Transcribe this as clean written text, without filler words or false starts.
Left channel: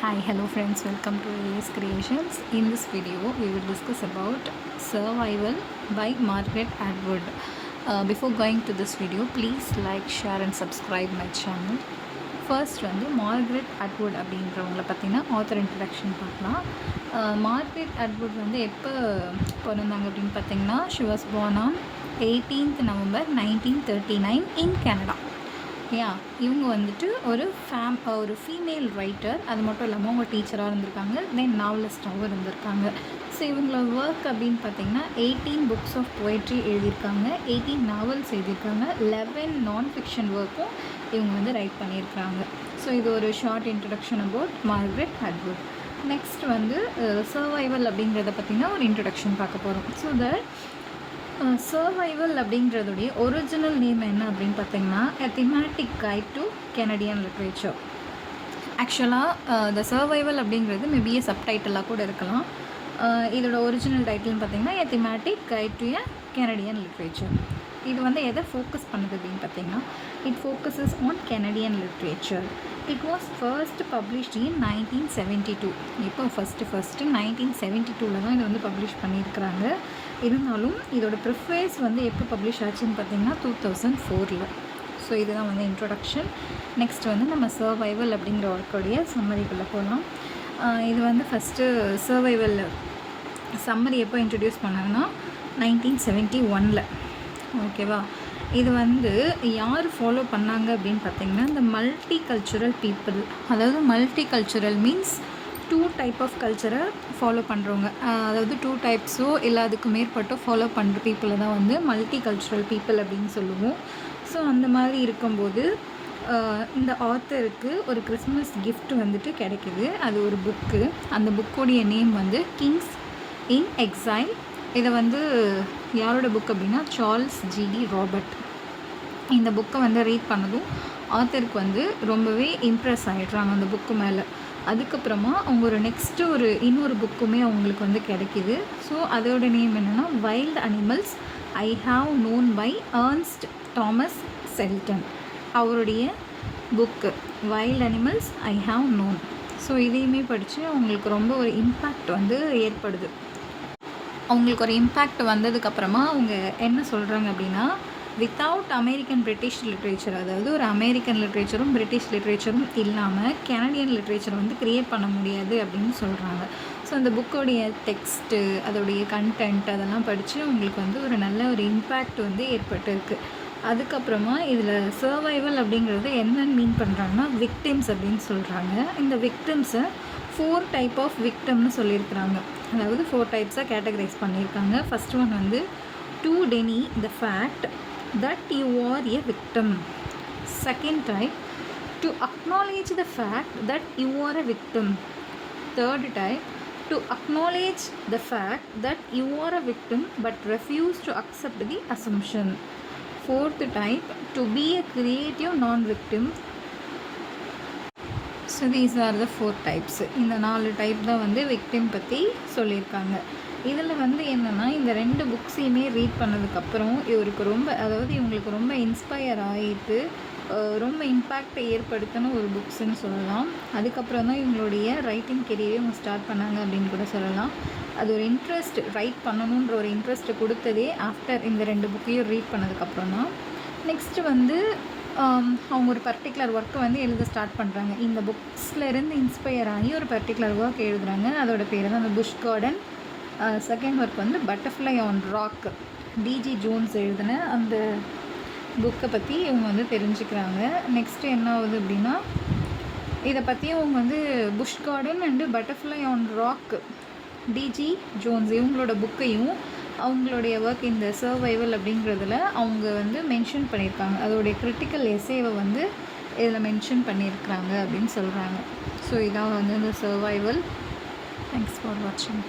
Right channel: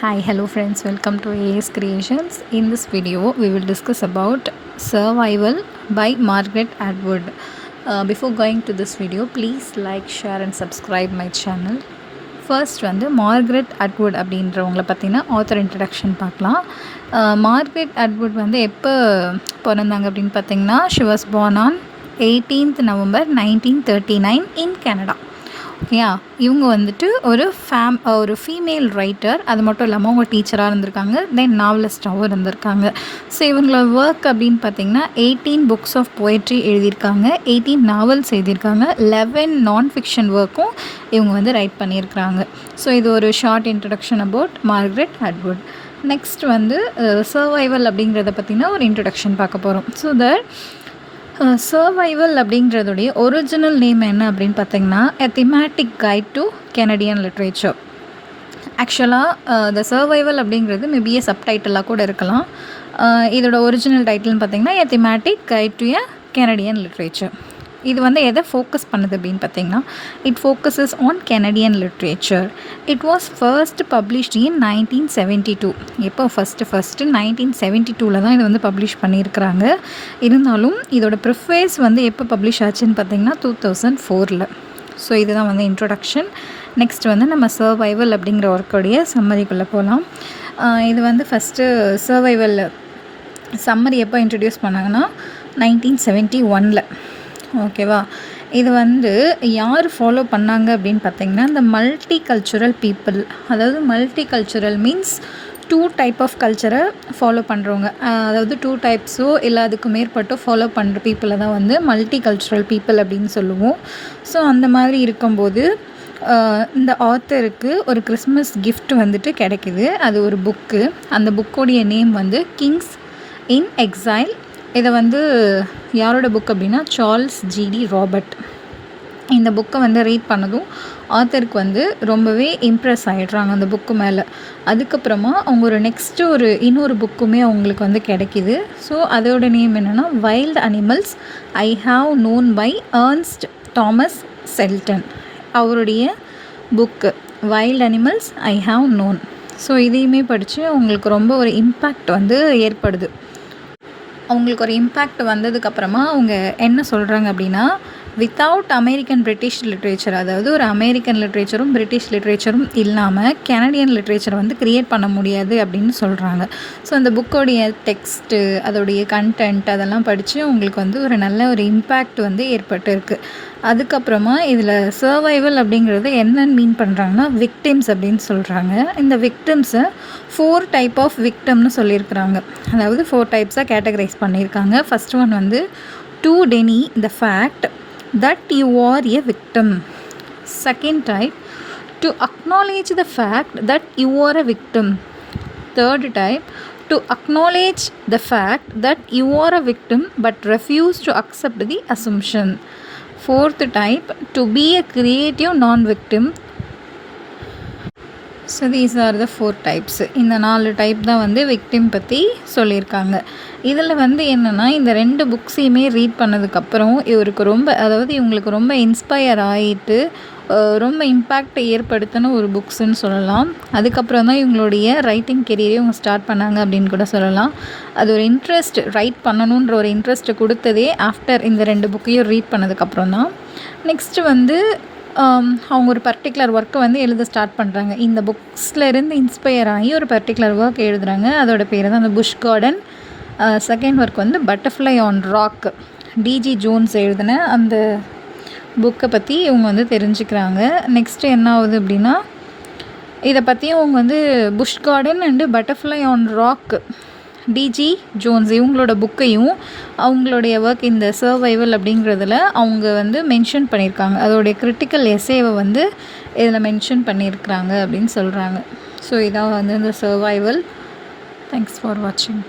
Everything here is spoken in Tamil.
Hi, hello friends, welcome to AS Creations. In this video we will discuss about Survival by Margaret Atwood. Before going to this video, please like, share and subscribe my channel. First வந்து மார்க்ரெட் அட்வுட் அப்படின்றவங்கள பற்றின ஆத்தர் இன்ட்ரடக்ஷன் பார்க்கலாம். மார்க்ரெட் அட்வுட் வந்து எப்போ பிறந்தாங்க அப்படின்னு பார்த்தீங்கன்னா, she was born on 18th November 1939 in Canada. ஓகேயா, இவங்க வந்துட்டு ஒரு ஃபீமேல் ரைட்டர். அது மட்டும் இல்லாமல் அவங்க டீச்சராக இருந்திருக்காங்க, தென் நாவலிஸ்டாகவும் இருந்திருக்காங்க. ஸோ இவங்களோட ஒர்க் அப்படின்னு பார்த்தீங்கன்னா 18 புக்ஸ் ஆஃப் போய்ட்ரி எழுதியிருக்காங்க, 18 நாவல்ஸ் எழுதியிருக்காங்க, 11 நான் ஃபிக்ஷன் ஒர்க்கும் இவங்க வந்து ரைட் பண்ணியிருக்கிறாங்க. ஸோ இது ஒரு short introduction about Margaret Atwood. Next வந்து சர்வைவல் அப்படிங்கிறத பற்றின ஒரு இன்ட்ரடக்ஷன் பார்க்க போகிறோம். ஸோ சர்வைவல் அப்படிங்கிறதுடைய ஒரிஜினல் நேம் என்ன அப்படின்னு பார்த்தீங்கன்னா, a thematic guide to Canadian literature. ஆக்சுவலாக த சர்வைவல் அப்படிங்கிறது மேபி சப்டைட்டிலாக கூட இருக்கலாம். இதோட ஒரிஜினல் டைட்டில்னு பார்த்தீங்கன்னா, a thematic guide to a Canadian literature. இது வந்து எதை ஃபோக்கஸ் பண்ணுது அப்படின்னு பார்த்தீங்கன்னா, it focuses on Canadian literature. It was first published in 1972. எப்போ ஃபஸ்ட்டு 1972 தான் இது வந்து பப்ளிஷ் பண்ணியிருக்கிறாங்க. இருந்தாலும் இதோட ப்ரிஃபேஸ் வந்து எப்போ பப்ளிஷ் ஆச்சுன்னு பார்த்தீங்கன்னா 2004. ஸோ இதுதான் வந்து இன்ட்ரொடக்ஷன். நெக்ஸ்ட் வந்து நம்ம சர்வைவல் அப்படிங்கிற ஒர்க்கோடைய சம்மரிக்குள்ளே போகலாம். இது வந்து ஃபஸ்ட்டு சர்வைவல் சம்மரி எப்போ இன்ட்ரடியூஸ் பண்ணாங்கன்னா 1971. ஓகேவா, இது வந்து யார் ஃபாலோ பண்ணாங்க அப்படின்னு பார்த்தீங்கன்னா, இந்த மல்டி கல்ச்சுரல் பீப்புள். அதாவது multi cultural means 2 type of கல்ச்சரை ஃபாலோ பண்ணுறவங்க. அதாவது 2 டைப்ஸோ இல்லை அதுக்கு மேற்பட்டோ ஃபாலோ பண்ணுற பீப்புளை தான் வந்து மல்டி கல்ச்சுரல் பீப்புள் அப்படின்னு சொல்லுவோம். ஸோ அந்த மாதிரி இருக்கும்போது இந்த ஆத்தருக்கு ஒரு கிறிஸ்மஸ் கிஃப்ட் வந்துட்டு கிடைக்கிது. அது ஒரு புக்கு. அந்த புக்கோடைய நேம் வந்து கிங்ஸ் இன் எக்ஸைல். இதை வந்து யாரோட புக் அப்படின்னா சார்ல்ஸ் ஜிடி ராபர்ட். இந்த புக்கை வந்து ரீட் பண்ணதும் ஆத்தருக்கு வந்து ரொம்பவே இம்ப்ரெஸ் ஆகிடுறாங்க அந்த புக்கு மேலே. அதுக்கப்புறமா அவங்க இன்னொரு புக்குமே அவங்களுக்கு வந்து கிடைக்கிது. ஸோ அதோட நேம் என்னென்னா wild animals I have known by Ernest Thomas Seton. அவருடைய book wild animals I have known. So இதையுமே படித்து அவங்களுக்கு ரொம்ப ஒரு இம்பேக்ட் வந்து ஏற்படுது. அவங்களுக்கு ஒரு இம்பேக்ட் வந்ததுக்கப்புறமா அவங்க என்ன சொல்கிறாங்க அப்படின்னா, வித்தவுட் அமெரிக்கன் பிரிட்டிஷ் லிட்ரேச்சர், அதாவது ஒரு அமெரிக்கன் லிட்ரேச்சரும் பிரிட்டிஷ் லிட்ரேச்சரும் இல்லாமல் கெனடியன் லிட்ரேச்சர் வந்து க்ரியேட் பண்ண முடியாது அப்படின்னு சொல்கிறாங்க. ஸோ அந்த புக்கோடைய டெக்ஸ்ட்டு, அதோடைய கண்டென்ட் அதெல்லாம் படித்து அவங்களுக்கு வந்து ஒரு நல்ல ஒரு இம்பேக்ட் வந்து ஏற்பட்டுருக்கு. அதுக்கப்புறமா இதில் சர்வைவல் அப்படிங்கிறது என்னன்னு மீன் பண்ணுறாங்கன்னா, விக்டிம்ஸ் அப்படின்னு சொல்கிறாங்க. இந்த விக்டிம்ஸை 4 டைப் ஆஃப் விக்டம்னு சொல்லியிருக்கிறாங்க. அதாவது 4 டைப்ஸாக கேட்டகரைஸ் பண்ணியிருக்காங்க. ஃபர்ஸ்ட் ஒன் வந்து to deny the fact that you are a victim. Second type to acknowledge the fact that you are a victim. Third type to acknowledge the fact that you are a victim but refuse to accept the assumption. Fourth type to be a creative non victim. So these are the 4 types. இந்த 4 டைப் தான் வந்து விக்டிம் பற்றி சொல்லியிருக்காங்க. இதில் வந்து என்னென்னா, இந்த 2 புக்ஸையுமே ரீட் பண்ணதுக்கப்புறம் இவங்களுக்கு ரொம்ப இன்ஸ்பயர் ஆகிட்டு ரொம்ப இம்பேக்ட் ஏற்படுத்தின ஒரு புக்ஸுன்னு சொல்லலாம். அதுக்கப்புறம் தான் இவங்களுடைய ரைட்டிங் கெரியரே இவங்க ஸ்டார்ட் பண்ணாங்க அப்படின்னு கூட சொல்லலாம். அது ஒரு இன்ட்ரெஸ்ட், ரைட் பண்ணணுன்ற ஒரு இன்ட்ரெஸ்ட்டு கொடுத்ததே ஆஃப்டர் இந்த 2 புக்கையும் ரீட் பண்ணதுக்கப்புறம் தான். நெக்ஸ்ட்டு வந்து அவங்க ஒரு பர்டிகுலர் ஒர்க்கை வந்து எழுத ஸ்டார்ட் பண்ணுறாங்க. இந்த புக்ஸ்லேருந்து இன்ஸ்பயர் ஆகி ஒரு பர்டிகுலர் ஒர்க் எழுதுகிறாங்க. அதோட பேர் தான் அந்த புஷ் கார்டன். செகண்ட் ஒர்க் வந்து butterfly on rock. D G Jones எழுதின அந்த புக்கை பற்றி இவங்க வந்து தெரிஞ்சுக்கிறாங்க. நெக்ஸ்ட்டு என்ன ஆகுது அப்படின்னா, இதை பற்றியும் அவங்க வந்து bush garden and butterfly on rock, D G Jones இவங்களோட புக்கையும் அவங்களுடைய ஒர்க் இந்த சர்வைவல் அப்படிங்கிறதுல அவங்க வந்து மென்ஷன் பண்ணியிருக்காங்க. அதோடைய கிரிட்டிக்கல் எஸ்ஸேவை வந்து இதில் மென்ஷன் பண்ணியிருக்கிறாங்க அப்படின்னு சொல்கிறாங்க. ஸோ இதான் வந்து இந்த சர்வைவல். தேங்க்ஸ் ஃபார் வாட்சிங்.